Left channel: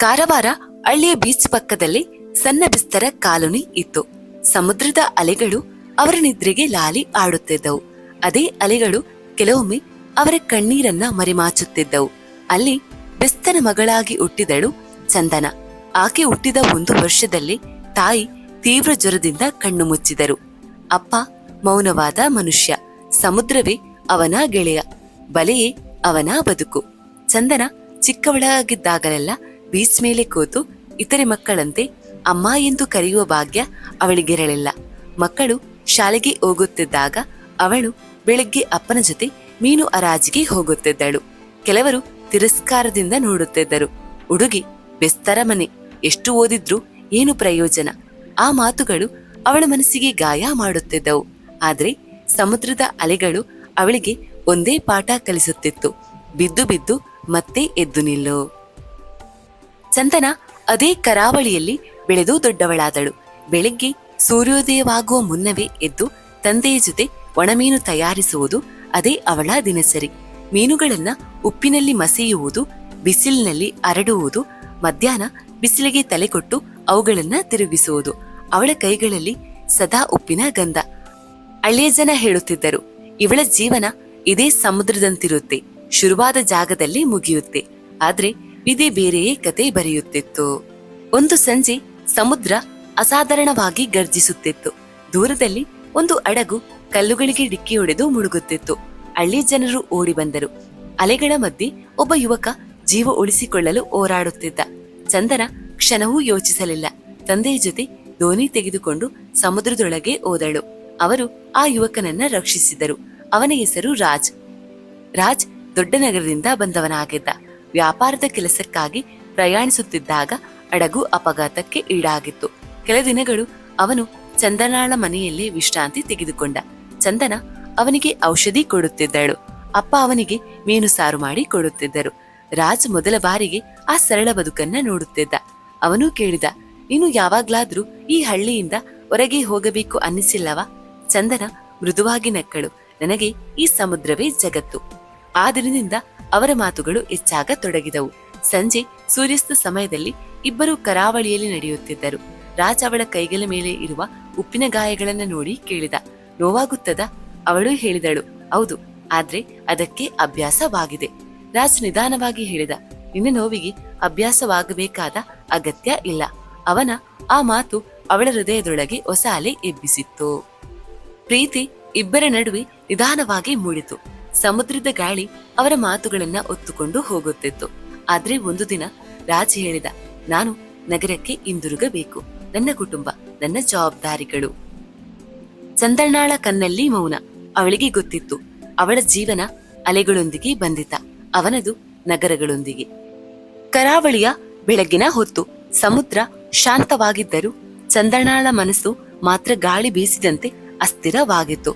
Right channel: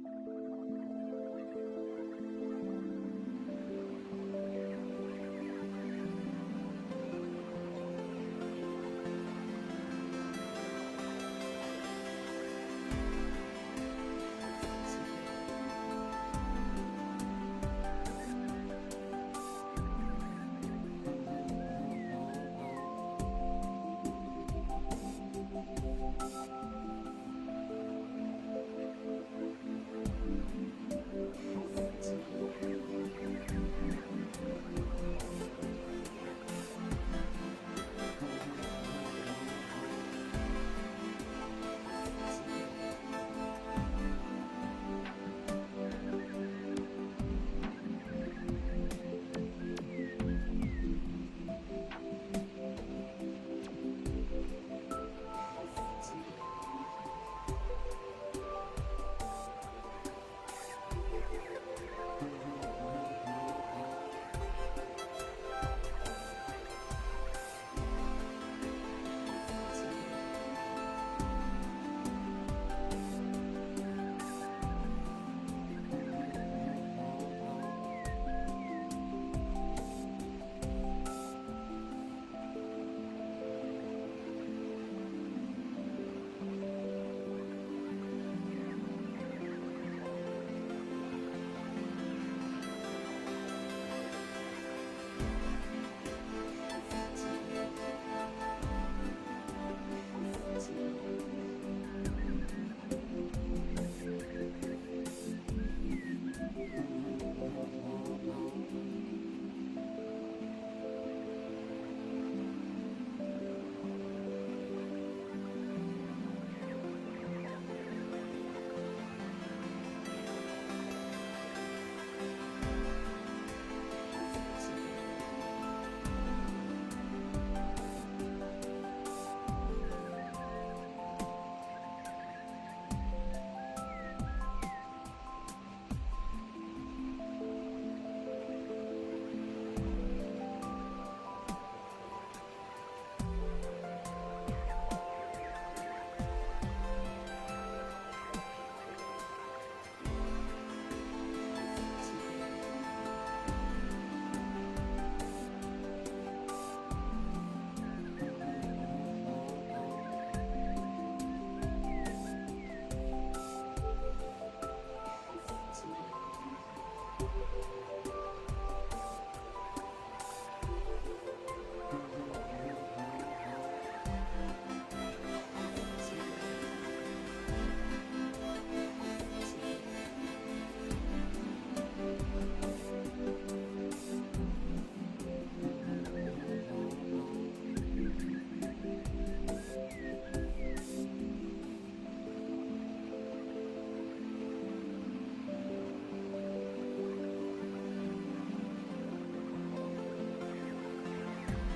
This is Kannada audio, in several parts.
ಕಾರವಾರ ಹಳ್ಳಿಯ ಬೀಚ್ ಪಕ್ಕದಲ್ಲಿ ಸಣ್ಣ ಬಿಸ್ತರ ಕಾಲೋನಿ ಇತ್ತು. ಸಮುದ್ರದ ಅಲೆಗಳು ಅವರ ನಿದ್ರೆಗೆ ಲಾಲಿ ಆಡುತ್ತಿದ್ದವು. ಅದೇ ಅಲೆಗಳು ಕೆಲವೊಮ್ಮೆ ಅವರ ಕಣ್ಣೀರನ್ನ ಮರೆಮಾಚುತ್ತಿದ್ದವು. ಅಲ್ಲಿ ಬೆಸ್ತನ ಮಗಳಾಗಿ ಹುಟ್ಟಿದಳು ಚಂದನ. ಆಕೆ ಹುಟ್ಟಿದ 1 ವರ್ಷದಲ್ಲಿ ತಾಯಿ ತೀವ್ರ ಜ್ವರದಿಂದ ಕಣ್ಣು ಮುಚ್ಚಿದರು. ಅಪ್ಪ ಮೌನವಾದ ಮನುಷ್ಯ. ಸಮುದ್ರವೇ ಅವನ ಗೆಳೆಯ, ಬಲೆಯೇ ಅವನ ಬದುಕು. ಚಂದನ ಚಿಕ್ಕವಳಾಗಿದ್ದಾಗಲೆಲ್ಲ ಬೀಚ್ ಮೇಲೆ ಕೂತು ಇತರೆ ಮಕ್ಕಳಂತೆ ಅಮ್ಮ ಎಂದು ಕರೆಯುವ ಭಾಗ್ಯ ಅವಳಿಗಿರಲಿಲ್ಲ. ಮಕ್ಕಳು ಶಾಲೆಗೆ ಹೋಗುತ್ತಿದ್ದಾಗ ಅವಳು ಬೆಳಗ್ಗೆ ಅಪ್ಪನ ಜೊತೆ ಮೀನು ಹರಾಜಿಗೆ ಹೋಗುತ್ತಿದ್ದಳು. ಕೆಲವರು ತಿರಸ್ಕಾರದಿಂದ ನೋಡುತ್ತಿದ್ದರು. ಹುಡುಗಿ, ಬೆಸ್ತರ ಮನೆ, ಎಷ್ಟು ಓದಿದ್ರೂ ಏನು ಪ್ರಯೋಜನ? ಆ ಮಾತುಗಳು ಅವಳ ಮನಸ್ಸಿಗೆ ಗಾಯ ಮಾಡುತ್ತಿದ್ದವು. ಆದ್ರೆ ಸಮುದ್ರದ ಅಲೆಗಳು ಅವಳಿಗೆ ಒಂದೇ ಪಾಠ ಕಲಿಸುತ್ತಿತ್ತು: ಬಿದ್ದು ಬಿದ್ದು ಮತ್ತೆ ಎದ್ದು ನಿಲ್ಲು. ಚಂದನ ಅದೇ ಕರಾವಳಿಯಲ್ಲಿ ಬೆಳೆದು ದೊಡ್ಡವಳಾದಳು. ಬೆಳಿಗ್ಗೆ ಸೂರ್ಯೋದಯವಾಗುವ ಮುನ್ನವೇ ಎದ್ದು ತಂದೆಯ ಜೊತೆ ಒಣಮೀನು ತಯಾರಿಸುವುದು ಅದೇ ಅವಳ ದಿನಚರಿ. ಮೀನುಗಳನ್ನ ಉಪ್ಪಿನಲ್ಲಿ ಮಸೆಯುವುದು, ಬಿಸಿಲಿನಲ್ಲಿ ಹರಡುವುದು, ಮಧ್ಯಾಹ್ನ ಬಿಸಿಲಿಗೆ ತಲೆ ಕೊಟ್ಟು ಅವುಗಳನ್ನ ತಿರುಗಿಸುವುದು. ಅವಳ ಕೈಗಳಲ್ಲಿ ಸದಾ ಉಪ್ಪಿನ ಗಂಧ. ಹಳ್ಳಿಯ ಜನ ಹೇಳುತ್ತಿದ್ದರು, ಇವಳ ಜೀವನ ಇದೇ ಸಮುದ್ರದಂತಿರುತ್ತೆ, ಶುರುವಾದ ಜಾಗದಲ್ಲಿ ಮುಗಿಯುತ್ತೆ. ಆದ್ರೆ ವಿಧಿ ಬೇರೆಯೇ ಕತೆ ಬರೆಯುತ್ತಿತ್ತು. ಒಂದು ಸಂಜೆ ಸಮುದ್ರ ಅಸಾಧಾರಣವಾಗಿ ಗರ್ಜಿಸುತ್ತಿತ್ತು. ದೂರದಲ್ಲಿ ಒಂದು ಹಡಗು ಕಲ್ಲುಗಳಿಗೆ ಡಿಕ್ಕಿ ಹೊಡೆದು ಮುಳುಗುತ್ತಿತ್ತು. ಹಳ್ಳಿ ಜನರು ಓಡಿ ಬಂದರು. ಅಲೆಗಳ ಮಧ್ಯೆ ಒಬ್ಬ ಯುವಕ ಜೀವ ಉಳಿಸಿಕೊಳ್ಳಲು ಹೋರಾಡುತ್ತಿದ್ದ. ಚಂದನ ಕ್ಷಣವೂ ಯೋಚಿಸಲಿಲ್ಲ. ತಂದೆಯ ಜೊತೆ ದೋಣಿ ತೆಗೆದುಕೊಂಡು ಸಮುದ್ರದೊಳಗೆ ಹೋದಳು. ಅವರು ಆ ಯುವಕನನ್ನ ರಕ್ಷಿಸಿದರು. ಅವನ ಹೆಸರು ರಾಜ್. ರಾಜ್ ದೊಡ್ಡ ನಗರದಿಂದ ಬಂದವನಾಗಿದ್ದ. ವ್ಯಾಪಾರದ ಕೆಲಸಕ್ಕಾಗಿ ಪ್ರಯಾಣಿಸುತ್ತಿದ್ದಾಗ ಹಡಗು ಅಪಘಾತಕ್ಕೆ ಈಡಾಗಿತ್ತು. ಕೆಲ ದಿನಗಳು ಅವನು ಚಂದನಾಳ ಮನೆಯಲ್ಲೇ ವಿಶ್ರಾಂತಿ ತೆಗೆದುಕೊಂಡ. ಚಂದನ ಅವನಿಗೆ ಔಷಧಿ ಕೊಡುತ್ತಿದ್ದಳು. ಅಪ್ಪ ಅವನಿಗೆ ಮೀನು ಸಾರು ಮಾಡಿ ಕೊಡುತ್ತಿದ್ದರು. ರಾಜ್ ಮೊದಲ ಬಾರಿಗೆ ಆ ಸರಳ ಬದುಕನ್ನ ನೋಡುತ್ತಿದ್ದ. ಅವನು ಕೇಳಿದ, ನೀನು ಯಾವಾಗ್ಲಾದ್ರೂ ಈ ಹಳ್ಳಿಯಿಂದ ಹೊರಗೆ ಹೋಗಬೇಕು ಅನ್ನಿಸಿಲ್ಲವಾ? ಚಂದನ ಮೃದುವಾಗಿ ನಕ್ಕಳು. ನನಗೆ ಈ ಸಮುದ್ರವೇ ಜಗತ್ತು. ಆ ದಿನದಿಂದ ಅವರ ಮಾತುಗಳು ಹೆಚ್ಚಾಗತೊಡಗಿದವು. ಸಂಜೆ ಸೂರ್ಯಾಸ್ತ ಸಮಯದಲ್ಲಿ ಇಬ್ಬರು ಕರಾವಳಿಯಲ್ಲಿ ನಡೆಯುತ್ತಿದ್ದರು. ರಾಜ್ ಅವಳ ಕೈಗಳ ಮೇಲೆ ಇರುವ ಉಪ್ಪಿನ ಗಾಯಗಳನ್ನ ನೋಡಿ ಕೇಳಿದ, ನೋವಾಗುತ್ತದಾ? ಅವಳು ಹೇಳಿದಳು, ಹೌದು, ಆದ್ರೆ ಅದಕ್ಕೆ ಅಭ್ಯಾಸವಾಗಿದೆ. ರಾಜ್ ನಿಧಾನವಾಗಿ ಹೇಳಿದ, ನಿನ್ನ ನೋವಿಗೆ ಅಭ್ಯಾಸವಾಗಬೇಕಾದ ಅಗತ್ಯ ಇಲ್ಲ. ಅವನ ಆ ಮಾತು ಅವಳ ಹೃದಯದೊಳಗೆ ಹೊಸ ಅಲೆ ಎಬ್ಬಿಸಿತ್ತು. ಪ್ರೀತಿ ಇಬ್ಬರ ನಡುವೆ ನಿಧಾನವಾಗಿ ಮೂಡಿತು. ಸಮುದ್ರದ ಗಾಳಿ ಅವರ ಮಾತುಗಳನ್ನ ಹೊತ್ತುಕೊಂಡು ಹೋಗುತ್ತಿತ್ತು. ಆದ್ರೆ ಒಂದು ದಿನ ರಾಜ್ ಹೇಳಿದ, ನಾನು ನಗರಕ್ಕೆ ಹಿಂದಿರುಗಬೇಕು. ನನ್ನ ಕುಟುಂಬ, ನನ್ನ ಜವಾಬ್ದಾರಿಗಳು. ಚಂದನಾಳ ಕಣ್ಣಲ್ಲಿ ಮೌನ. ಅವಳಿಗೆ ಗೊತ್ತಿತ್ತು, ಅವಳ ಜೀವನ ಅಲೆಗಳೊಂದಿಗೆ ಬಂದಿತ, ಅವನದು ನಗರಗಳೊಂದಿಗೆ. ಕರಾವಳಿಯ ಬೆಳಗಿನ ಹೊತ್ತು ಸಮುದ್ರ ಶಾಂತವಾಗಿದ್ದರೂ ಚಂದನಾಳ ಮನಸ್ಸು ಮಾತ್ರ ಗಾಳಿ ಬೀಸಿದಂತೆ ಅಸ್ಥಿರವಾಗಿತ್ತು.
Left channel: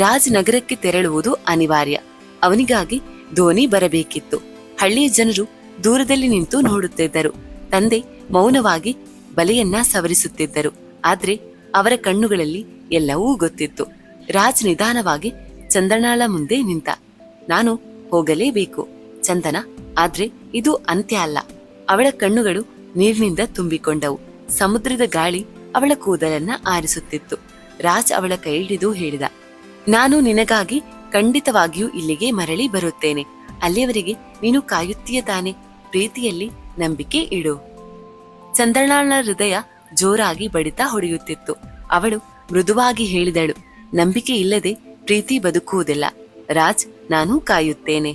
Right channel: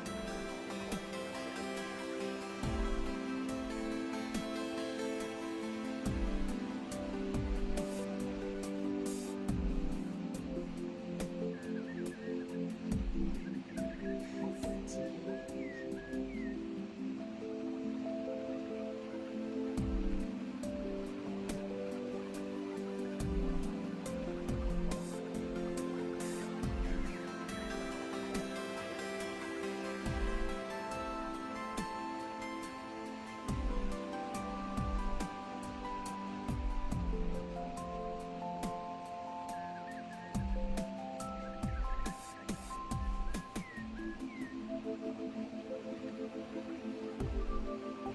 ರಾಜ್ ನಗರಕ್ಕೆ ತೆರಳುವುದು ಅನಿವಾರ್ಯ. ಅವನಿಗಾಗಿ ದೋಣಿ ಬರಬೇಕಿತ್ತು. ಹಳ್ಳಿಯ ಜನರು ದೂರದಲ್ಲಿ ನಿಂತು ನೋಡುತ್ತಿದ್ದರು. ತಂದೆ ಮೌನವಾಗಿ ಬಲೆಯನ್ನ ಸವರಿಸುತ್ತಿದ್ದರು. ಆದ್ರೆ ಅವರ ಕಣ್ಣುಗಳಲ್ಲಿ ಎಲ್ಲವೂ ಗೊತ್ತಿತ್ತು. ರಾಜ್ ನಿಧಾನವಾಗಿ ಚಂದನಾಳ ಮುಂದೆ ನಿಂತ. ನಾನು ಹೋಗಲೇಬೇಕು ಚಂದನ, ಆದ್ರೆ ಇದು ಅಂತ್ಯ ಅಲ್ಲ. ಅವಳ ಕಣ್ಣುಗಳು ನೀರಿನಿಂದ ತುಂಬಿಕೊಂಡವು. ಸಮುದ್ರದ ಗಾಳಿ ಅವಳ ಕೂದಲನ್ನ ಆರಿಸುತ್ತಿತ್ತು. ರಾಜ್ ಅವಳ ಕೈ ಹಿಡಿದು ಹೇಳಿದ, ನಾನು ನಿನಗಾಗಿ ಖಂಡಿತವಾಗಿಯೂ ಇಲ್ಲಿಗೆ ಮರಳಿ ಬರುತ್ತೇನೆ. ಅಲ್ಲಿಯವರೆಗೆ ನೀನು ಕಾಯುತ್ತೀಯ ತಾನೆ? ಪ್ರೀತಿಯಲ್ಲಿ ನಂಬಿಕೆ ಇಡು. ಚಂದನಾಳ ಹೃದಯ ಜೋರಾಗಿ ಬಡಿತ ಹೊಡೆಯುತ್ತಿತ್ತು. ಅವಳು ಮೃದುವಾಗಿ ಹೇಳಿದಳು, ನಂಬಿಕೆ ಇಲ್ಲದೆ ಪ್ರೀತಿ ಬದುಕುವುದಿಲ್ಲ. ರಾಜ್, ನಾನು ಕಾಯುತ್ತೇನೆ.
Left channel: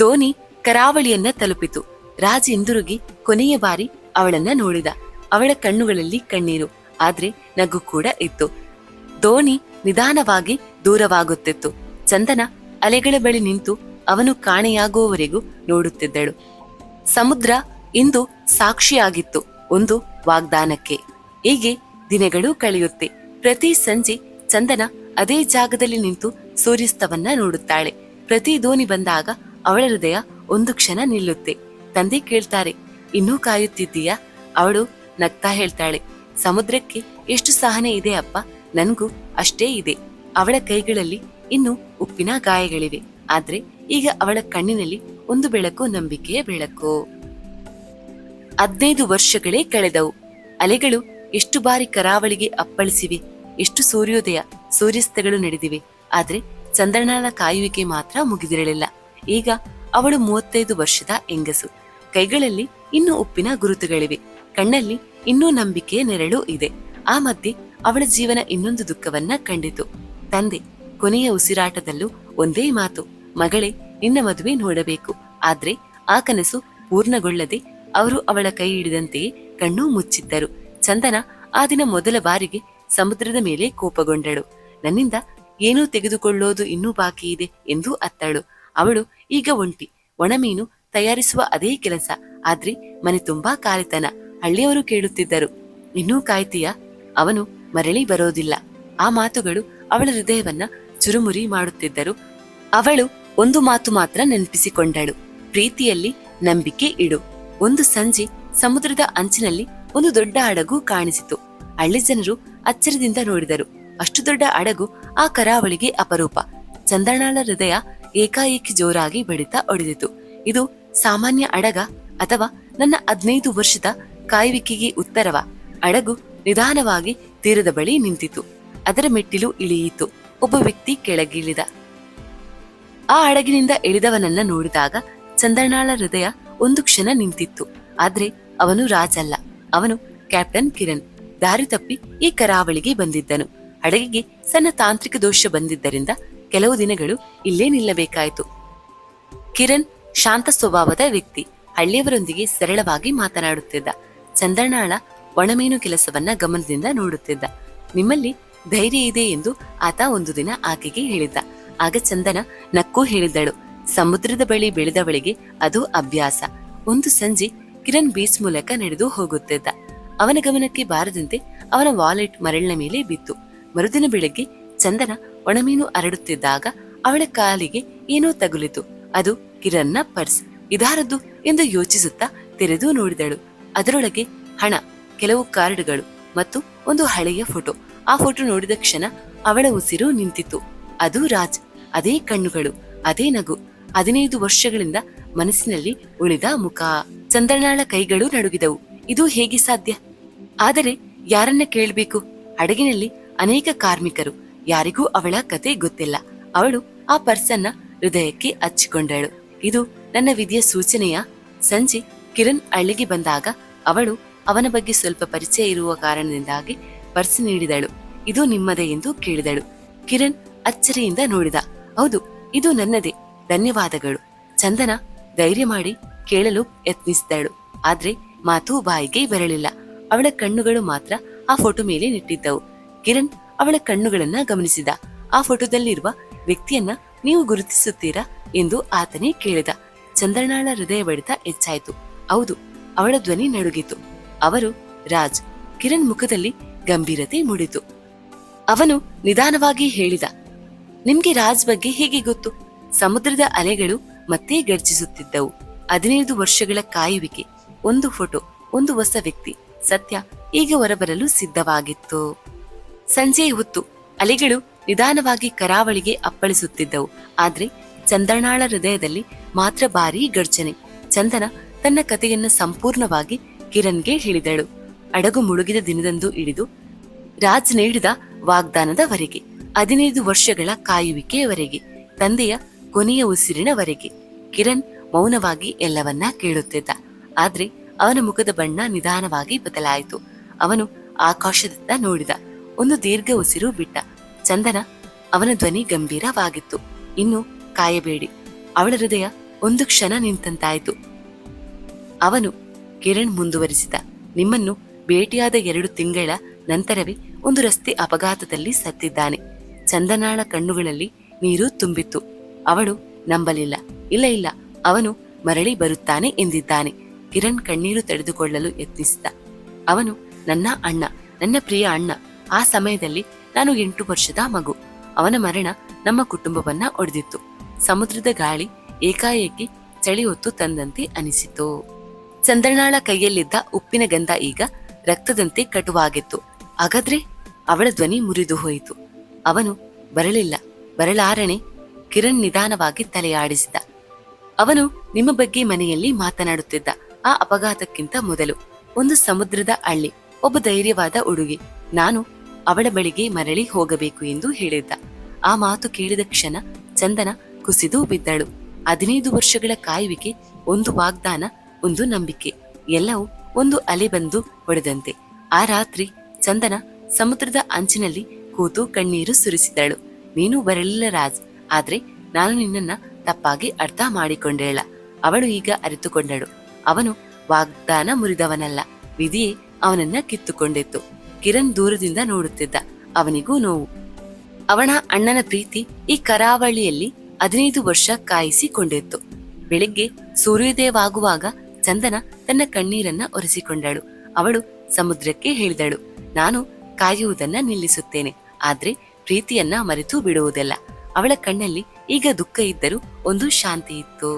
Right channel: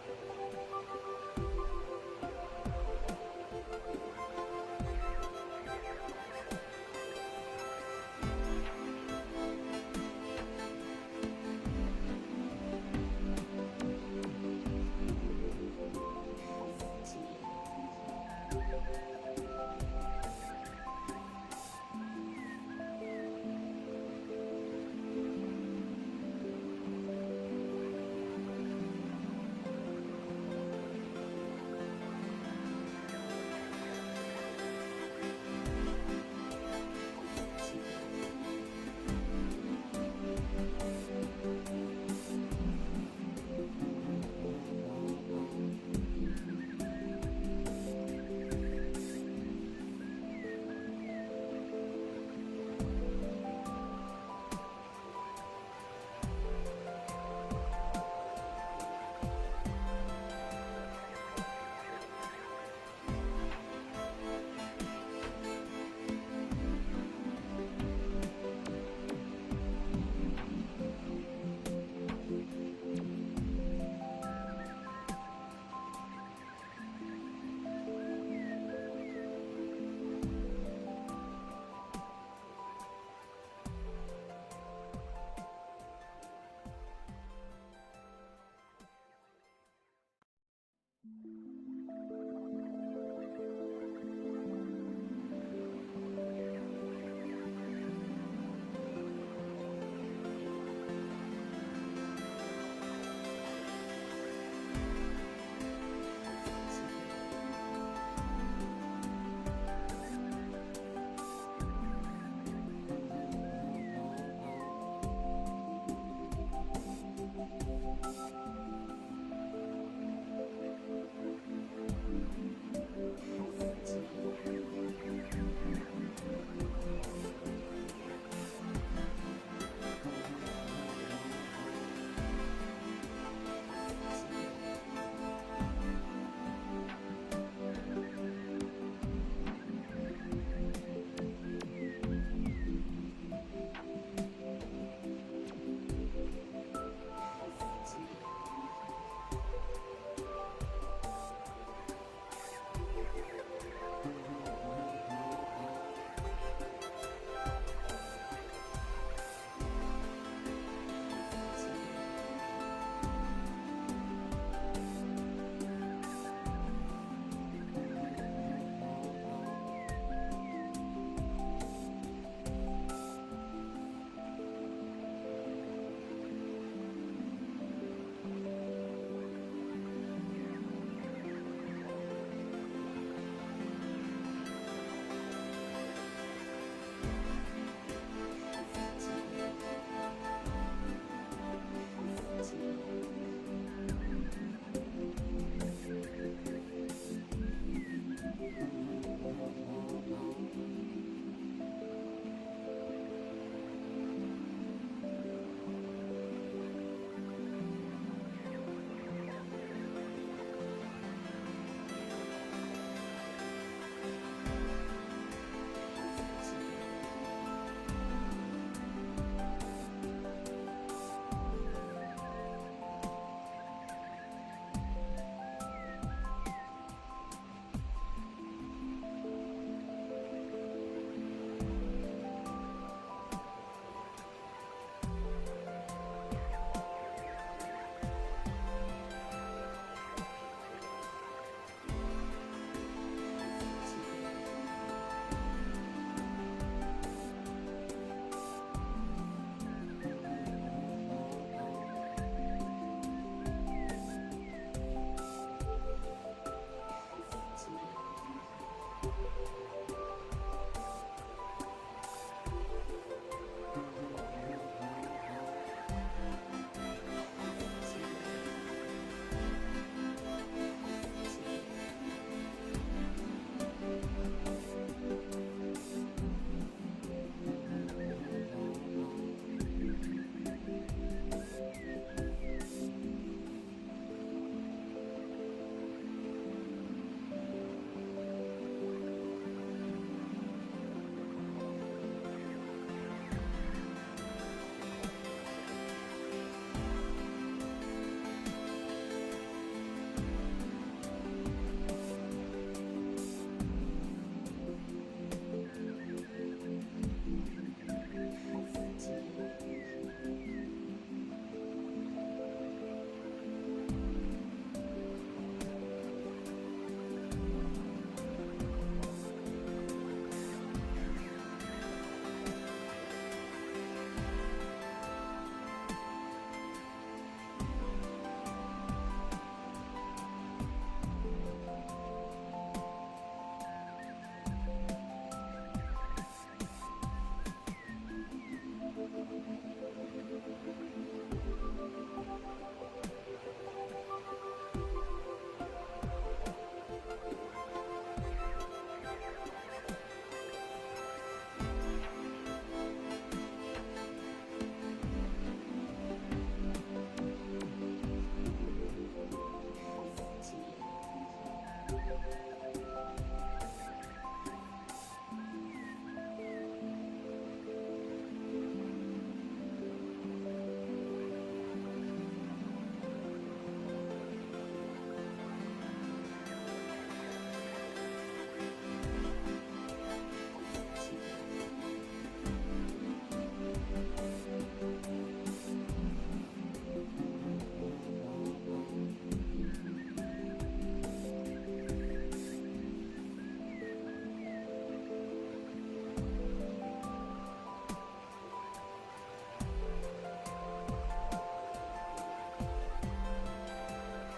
ದೋಣಿ ಕರಾವಳಿಯನ್ನ ತಲುಪಿತು. ರಾಜ್ ಹಿಂದಿರುಗಿ ಕೊನೆಯ ಬಾರಿ ಅವಳನ್ನ ನೋಡಿದ. ಅವಳ ಕಣ್ಣುಗಳಲ್ಲಿ ಕಣ್ಣೀರು, ಆದ್ರೆ ನಗು ಕೂಡ ಇತ್ತು. ದೋಣಿ ನಿಧಾನವಾಗಿ ದೂರವಾಗುತ್ತಿತ್ತು. ಚಂದನ ಅಲೆಗಳ ಬಳಿ ನಿಂತು ಅವನು ಕಾಣೆಯಾಗುವವರೆಗೂ ನೋಡುತ್ತಿದ್ದಳು. ಸಮುದ್ರ ಇಂದು ಸಾಕ್ಷಿಯಾಗಿತ್ತು ಒಂದು ವಾಗ್ದಾನಕ್ಕೆ. ಹೀಗೆ ದಿನಗಳು ಕಳೆಯುತ್ತೆ. ಪ್ರತಿ ಸಂಜೆ ಚಂದನ ಅದೇ ಜಾಗದಲ್ಲಿ ನಿಂತು ಸೂರ್ಯಾಸ್ತವನ್ನ ನೋಡುತ್ತಾಳೆ. ಪ್ರತಿ ದೋಣಿ ಬಂದಾಗ ಅವಳ ಹೃದಯ ಒಂದು ಕ್ಷಣ ನಿಲ್ಲುತ್ತೆ. ತಂದೆ ಕೇಳ್ತಾರೆ, ಇನ್ನೂ ಕಾಯುತ್ತಿದ್ದೀಯಾ? ಅವಳು ನಗ್ತಾ ಹೇಳ್ತಾಳೆ, ಸಮುದ್ರಕ್ಕೆ ಎಷ್ಟು ಸಹನೆ ಇದೆ ಅಪ್ಪ, ನನ್ಗೂ ಅಷ್ಟೇ ಇದೆ. ಅವಳ ಕೈಗಳಲ್ಲಿ ಇನ್ನು ಉಪ್ಪಿನ ಗಾಯಗಳಿವೆ. ಆದ್ರೆ ಈಗ ಅವಳ ಕಣ್ಣಿನಲ್ಲಿ ಒಂದು ಬೆಳಕು, ನಂಬಿಕೆಯ ಬೆಳಕು. 15 ವರ್ಷಗಳೇ ಕಳೆದವು. ಅಲೆಗಳು ಎಷ್ಟು ಬಾರಿ ಕರಾವಳಿಗೆ ಅಪ್ಪಳಿಸಿವೆ, ಎಷ್ಟು ಸೂರ್ಯೋದಯ ಸೂರ್ಯಾಸ್ತಗಳು ನಡೆದಿವೆ. ಆದ್ರೆ ಚಂದ್ರನಾಳ ಕಾಯುವಿಕೆ ಮಾತ್ರ ಮುಗಿದಿರಲಿಲ್ಲ. ಈಗ ಅವಳು 35 ವರ್ಷದ ಹೆಂಗಸು. ಕೈಗಳಲ್ಲಿ ಇನ್ನೂ ಉಪ್ಪಿನ ಗುರುತುಗಳಿವೆ, ಕಣ್ಣಲ್ಲಿ ಇನ್ನೂ ನಂಬಿಕೆಯ ನೆರಳು ಇದೆ. ಆ ಮಧ್ಯೆ ಅವಳ ಜೀವನ ಇನ್ನೊಂದು ದುಃಖವನ್ನ ಕಂಡಿತು. ತಂದೆ ಕೊನೆಯ ಉಸಿರಾಟದಲ್ಲೂ ಒಂದೇ ಮಾತು, ಮಗಳೇ, ನಿನ್ನ ಮದುವೆ ನೋಡಬೇಕು. ಆದ್ರೆ ಆ ಕನಸು ಪೂರ್ಣಗೊಳ್ಳದೆ ಅವರು ಅವಳ ಕೈ ಹಿಡಿದಂತೆಯೇ ಕಣ್ಣು ಮುಚ್ಚಿದ್ದರು. ಚಂದನ ಆ ದಿನ ಮೊದಲ ಬಾರಿಗೆ ಸಮುದ್ರದ ಮೇಲೆ ಕೋಪಗೊಂಡಳು. ನನ್ನಿಂದ ಏನೂ ತೆಗೆದುಕೊಳ್ಳೋದು ಇನ್ನೂ ಬಾಕಿ ಇದೆ ಎಂದು ಅತ್ತಳು. ಅವಳು ಈಗ ಒಂಟಿ, ಒಣಮೀನು ತಯಾರಿಸುವ ಅದೇ ಕೆಲಸ. ಆದ್ರೆ ಮನೆ ತುಂಬಾ ಕಾಲಿತನ. ಹಳ್ಳಿಯವರು ಕೇಳುತ್ತಿದ್ದರು, ಇನ್ನೂ ಕಾಯ್ತೀಯಾ? ಅವನು ಮರಳಿ ಬರೋದಿಲ್ಲ. ಆ ಮಾತುಗಳು ಅವಳ ಹೃದಯವನ್ನ ಚುರುಮುರಿ ಮಾಡುತ್ತಿದ್ದರು. ಅವಳು ಒಂದು ಮಾತು ಮಾತ್ರ ನೆನಪಿಸಿಕೊಂಡಳು, ಪ್ರೀತಿಯಲ್ಲಿ ನಂಬಿಕೆ ಇಡು. ಒಂದು ಸಂಜೆ ಸಮುದ್ರದ ಅಂಚಿನಲ್ಲಿ ಒಂದು ದೊಡ್ಡ ಹಡಗು ಕಾಣಿಸಿತು. ಹಳ್ಳಿ ಜನರು ಅಚ್ಚರಿದಿಂದ ನೋಡಿದರು. ಅಷ್ಟು ದೊಡ್ಡ ಹಡಗು ಆ ಕರಾವಳಿಗೆ ಅಪರೂಪ. ಚಂದ್ರನಾಳ ಹೃದಯ ಏಕಾಏಕಿ ಜೋರಾಗಿ ಬಡಿತ ಹೊಡೆದಿತು. ಇದು ಸಾಮಾನ್ಯ ಹಡಗ ಅಥವಾ ನನ್ನ 15 ವರ್ಷದ ಕಾಯುವಿಕೆಗೆ ಉತ್ತರವ? ಹಡಗು ನಿಧಾನವಾಗಿ ತೀರದ ಬಳಿ ನಿಂತಿತು. ಅದರ ಮೆಟ್ಟಿಲು ಇಳಿಯಿತು. ಒಬ್ಬ ವ್ಯಕ್ತಿ ಕೆಳಗಿಳಿದ. ಆ ಹಡಗಿನಿಂದ ಇಳಿದವನನ್ನ ನೋಡಿದಾಗ ಚಂದ್ರನಾಳ ಹೃದಯ ಒಂದು ಕ್ಷಣ ನಿಂತಿತ್ತು. ಆದ್ರೆ ಅವನು ರಾಜ್ ಅಲ್ಲ, ಅವನು ಕ್ಯಾಪ್ಟನ್ ಕಿರಣ್. ದಾರಿ ತಪ್ಪಿ ಈ ಕರಾವಳಿಗೆ ಬಂದಿದ್ದನು. ಹಡಗಿಗೆ ಸಣ್ಣ ತಾಂತ್ರಿಕ ದೋಷ ಬಂದಿದ್ದರಿಂದ ಕೆಲವು ದಿನಗಳು ಇಲ್ಲೇ ನಿಲ್ಲಬೇಕಾಯಿತು. ಕಿರಣ್ ಶಾಂತ ಸ್ವಭಾವದ ವ್ಯಕ್ತಿ. ಹಳ್ಳಿಯವರೊಂದಿಗೆ ಸರಳವಾಗಿ ಮಾತನಾಡುತ್ತಿದ್ದ. ಚಂದ್ರನಾಳ ಒಣಮೀನು ಕೆಲಸವನ್ನ ಗಮನದಿಂದ ನೋಡುತ್ತಿದ್ದ. ನಿಮ್ಮಲ್ಲಿ ಧೈರ್ಯ ಇದೆ ಎಂದು ಆತ ಒಂದು ದಿನ ಆಕೆಗೆ ಹೇಳಿದ್ದ. ಆಗ ಚಂದನ ನಕ್ಕೂ ಹೇಳಿದ್ದಳು, ಸಮುದ್ರದ ಬಳಿ ಬೆಳೆದವಳಿಗೆ ಅದು ಅಭ್ಯಾಸ. ಒಂದು ಸಂಜೆ ಕಿರಣ್ ಬೀಚ್ ಮೂಲಕ ನಡೆದು ಹೋಗುತ್ತಿದ್ದ. ಅವನ ಗಮನಕ್ಕೆ ಬಾರದಂತೆ ಅವನ ವಾಲೆಟ್ ಮರಳಿನ ಮೇಲೆ ಬಿತ್ತು. ಮರುದಿನ ಬೆಳಗ್ಗೆ ಚಂದನ ಒಣಮೀನು ಹರಡುತ್ತಿದ್ದಾಗ ಅವಳ ಕಾಲಿಗೆ ಏನೋ ತಗುಲಿತು. ಅದು ಕಿರಣ್ನ ಪರ್ಸ್. ಇದಾರದ್ದು ಎಂದು ಯೋಚಿಸುತ್ತಾ ತೆರೆದು ನೋಡಿದಳು. ಅದರೊಳಗೆ ಹಣ, ಕೆಲವು ಕಾರ್ಡ್ಗಳು ಮತ್ತು ಒಂದು ಹಳೆಯ ಫೋಟೋ. ಆ ಫೋಟೋ ನೋಡಿದ ಕ್ಷಣ ಅವಳ ಉಸಿರು ನಿಂತಿತು. ಅದು ರಾಜ್. ಅದೇ ಕಣ್ಣುಗಳು, ಅದೇ ನಗು, 15 ವರ್ಷಗಳಿಂದ ಮನಸ್ಸಿನಲ್ಲಿ ಉಳಿದ ಮುಖ. ಚಂದ್ರನಾಳ ಕೈಗಳು ನಡುಗಿದವು. ಇದು ಹೇಗೆ ಸಾಧ್ಯ? ಆದರೆ ಯಾರನ್ನ ಕೇಳಬೇಕು? ಹಡಗಿನಲ್ಲಿ ಅನೇಕ ಕಾರ್ಮಿಕರು. ಯಾರಿಗೂ ಅವಳ ಕತೆ ಗೊತ್ತಿಲ್ಲ. ಅವಳು ಆ ಪರ್ಸನ್ನ ಹೃದಯಕ್ಕೆ ಹಚ್ಚಿಕೊಂಡಳು. ಇದು ನನ್ನ ವಿಧಿಯ ಸೂಚನೆಯ? ಸಂಜೆ ಕಿರಣ್ ಹಳ್ಳಿಗೆ ಬಂದಾಗ ಅವಳು ಅವನ ಬಗ್ಗೆ ಸ್ವಲ್ಪ ಪರಿಚಯ ಇರುವ ಕಾರಣದಿಂದಾಗಿ ಪರ್ಸ್ ನೀಡಿದಳು. ಇದು ನಿಮ್ಮದೇ ಎಂದು ಕೇಳಿದಳು. ಕಿರಣ್ ಅಚ್ಚರಿಯಿಂದ ನೋಡಿದ. ಹೌದು, ಇದು ನನ್ನದೇ, ಧನ್ಯವಾದಗಳು. ಚಂದನ ಧೈರ್ಯ ಮಾಡಿ ಕೇಳಲು ಯತ್ನಿಸಿದಳು. ಆದ್ರೆ ಮಾತು ಬಾಯಿಗೆ ಬರಲಿಲ್ಲ. ಅವಳ ಕಣ್ಣುಗಳು ಮಾತ್ರ ಆ ಫೋಟೋ ಮೇಲೆ ನಿಟ್ಟಿದ್ದವು. ಕಿರಣ್ ಅವಳ ಕಣ್ಣುಗಳನ್ನ ಗಮನಿಸಿದ. ಆ ಫೋಟೋದಲ್ಲಿರುವ ವ್ಯಕ್ತಿಯನ್ನ ನೀವು ಗುರುತಿಸುತ್ತೀರಾ ಎಂದು ಆತನೇ ಕೇಳಿದ. ಚಂದ್ರನಾಳ ಹೃದಯ ಬಡಿತ ಹೆಚ್ಚಾಯಿತು. ಹೌದು, ಅವಳ ಧ್ವನಿ ನಡುಗಿತು. ಅವರು ರಾಜ್. ಕಿರಣ್ ಮುಖದಲ್ಲಿ ಗಂಭೀರತೆ ಮೂಡಿತು. ಅವನು ನಿಧಾನವಾಗಿ ಹೇಳಿದ, ನಿಮ್ಗೆ ರಾಜ್ ಬಗ್ಗೆ ಹೇಗೆ ಗೊತ್ತು? ಸಮುದ್ರದ ಅಲೆಗಳು ಮತ್ತೆ ಗರ್ಜಿಸುತ್ತಿದ್ದವು. 15 ವರ್ಷಗಳ ಕಾಯುವಿಕೆ, ಒಂದು ಫೋಟೋ, ಒಂದು ಹೊಸ ವ್ಯಕ್ತಿ. ಸತ್ಯ ಈಗ ಹೊರಬರಲು ಸಿದ್ಧವಾಗಿತ್ತು. ಸಂಜೆಯ ಹೊತ್ತು ಅಲೆಗಳು ನಿಧಾನವಾಗಿ ಕರಾವಳಿಗೆ ಅಪ್ಪಳಿಸುತ್ತಿದ್ದವು. ಆದ್ರೆ ಚಂದ್ರನಾಳ ಹೃದಯದಲ್ಲಿ ಮಾತ್ರ ಭಾರೀ ಗರ್ಜನೆ. ಚಂದನ ತನ್ನ ಕಥೆಯನ್ನ ಸಂಪೂರ್ಣವಾಗಿ ಕಿರಣ್ಗೆ ಹೇಳಿದಳು. ಹಡಗು ಮುಳುಗಿದ ದಿನದಂದು ಹಿಡಿದು ರಾಜ್ ನೀಡಿದ ವಾಗ್ದಾನದವರೆಗೆ, 15 ವರ್ಷಗಳ ಕಾಯುವಿಕೆಯವರೆಗೆ, ತಂದೆಯ ಕೊನೆಯ ಉಸಿರಿನವರೆಗೆ. ಕಿರಣ್ ಮೌನವಾಗಿ ಎಲ್ಲವನ್ನ ಕೇಳುತ್ತಿದ್ದ. ಆದ್ರೆ ಅವನ ಮುಖದ ಬಣ್ಣ ನಿಧಾನವಾಗಿ ಬದಲಾಯಿತು. ಅವನು ಆಕಾಶದತ್ತ ನೋಡಿದ. ಒಂದು ದೀರ್ಘ ಉಸಿರು ಬಿಟ್ಟ. ಚಂದನ ಅವನ ಧ್ವನಿ ಗಂಭೀರವಾಗಿತ್ತು. ಇನ್ನು ಕಾಯಬೇಡಿ. ಅವಳ ಹೃದಯ ಒಂದು ಕ್ಷಣ ನಿಂತಂತಾಯಿತು. ಅವನು ಕಿರಣ್ ಮುಂದುವರಿಸಿದ, ನಿಮ್ಮನ್ನು ಭೇಟಿಯಾದ 2 ತಿಂಗಳ ನಂತರವೇ ಒಂದು ರಸ್ತೆ ಅಪಘಾತದಲ್ಲಿ ಸತ್ತಿದ್ದಾನೆ. ಚಂದನಾಳ ಕಣ್ಣುಗಳಲ್ಲಿ ನೀರು ತುಂಬಿತ್ತು. ಅವಳು ನಂಬಲಿಲ್ಲ. ಇಲ್ಲ ಇಲ್ಲ, ಅವನು ಮರಳಿ ಬರುತ್ತಾನೆ ಎಂದಿದ್ದಾನೆ. ಕಿರಣ್ ಕಣ್ಣೀರು ತಡೆದುಕೊಳ್ಳಲು ಯತ್ನಿಸಿದ. ಅವನು ನನ್ನ ಅಣ್ಣ, ನನ್ನ ಪ್ರಿಯ ಅಣ್ಣ. ಆ ಸಮಯದಲ್ಲಿ ನಾನು 8 ವರ್ಷದ ಮಗು. ಅವನ ಮರಣ ನಮ್ಮ ಕುಟುಂಬವನ್ನ ಒಡೆದಿತ್ತು. ಸಮುದ್ರದ ಗಾಳಿ ಏಕಾಏಕಿ ಚಳಿ ಹೊತ್ತು ತಂದಂತೆ ಅನಿಸಿತು. ಚಂದ್ರನಾಳ ಕೈಯಲ್ಲಿದ್ದ ಉಪ್ಪಿನ ಗಂಧ ಈಗ ರಕ್ತದಂತೆ ಕಟುವಾಗಿತ್ತು. ಹಾಗಾದ್ರೆ ಅವಳ ಧ್ವನಿ ಮುರಿದು ಹೋಯಿತು. ಅವನು ಬರಲಿಲ್ಲ, ಬರಲಾರಣೆ. ಕಿರಣ್ ನಿಧಾನವಾಗಿ ತಲೆಯಾಡಿಸಿದ. ಅವನು ನಿಮ್ಮ ಬಗ್ಗೆ ಮನೆಯಲ್ಲಿ ಮಾತನಾಡುತ್ತಿದ್ದ. ಆ ಅಪಘಾತಕ್ಕಿಂತ ಮೊದಲು ಒಂದು ಸಮುದ್ರದ ಹಳ್ಳಿ, ಒಬ್ಬ ಧೈರ್ಯವಾದ ಹುಡುಗಿ, ನಾನು ಅವಳ ಬಳಿಗೆ ಮರಳಿ ಹೋಗಬೇಕು ಎಂದು ಹೇಳಿದ್ದ. ಆ ಮಾತು ಕೇಳಿದ ಕ್ಷಣ ಚಂದನ ಕುಸಿದು ಬಿದ್ದಳು. 15 ವರ್ಷಗಳ ಕಾಯುವಿಕೆ, ಒಂದು ವಾಗ್ದಾನ, ಒಂದು ನಂಬಿಕೆ, ಎಲ್ಲವೂ ಒಂದು ಅಲೆ ಬಂದು ಹೊಡೆದಂತೆ. ಆ ರಾತ್ರಿ ಚಂದನ ಸಮುದ್ರದ ಅಂಚಿನಲ್ಲಿ ಕೂತು ಕಣ್ಣೀರು ಸುರಿಸಿದಳು. ನೀನು ಬರಲಿಲ್ಲ ರಾಜ್, ಆದ್ರೆ ನಾನು ನಿನ್ನನ್ನ ತಪ್ಪಾಗಿ ಅರ್ಥ ಮಾಡಿಕೊಂಡೆಲ್ಲ. ಅವಳು ಈಗ ಅರಿತುಕೊಂಡಳು. ಅವನು ವಾಗ್ದಾನ ಮುರಿದವನಲ್ಲ, ವಿಧಿಯೇ ಅವನನ್ನ ಕಿತ್ತುಕೊಂಡಿತ್ತು. ಕಿರಣ್ ದೂರದಿಂದ ನೋಡುತ್ತಿದ್ದ. ಅವನಿಗೂ ನೋವು. ಅವನ ಅಣ್ಣನ ಪ್ರೀತಿ ಈ ಕರಾವಳಿಯಲ್ಲಿ 15 ವರ್ಷ ಕಾಯಿಸಿಕೊಂಡಿತ್ತು. ಬೆಳಿಗ್ಗೆ ಸೂರ್ಯೋದಯವಾಗುವಾಗ ಚಂದನ ತನ್ನ ಕಣ್ಣೀರನ್ನ ಒರೆಸಿಕೊಂಡಳು. ಅವಳು ಸಮುದ್ರಕ್ಕೆ ಹೇಳಿದಳು, ನಾನು ಕಾಯುವುದನ್ನ ನಿಲ್ಲಿಸುತ್ತೇನೆ, ಆದ್ರೆ ಪ್ರೀತಿಯನ್ನ ಮರೆತು ಬಿಡುವುದಿಲ್ಲ. ಅವಳ ಕಣ್ಣಲ್ಲಿ ಈಗ ದುಃಖ ಇದ್ದರೂ ಒಂದು ಶಾಂತಿ ಇತ್ತು.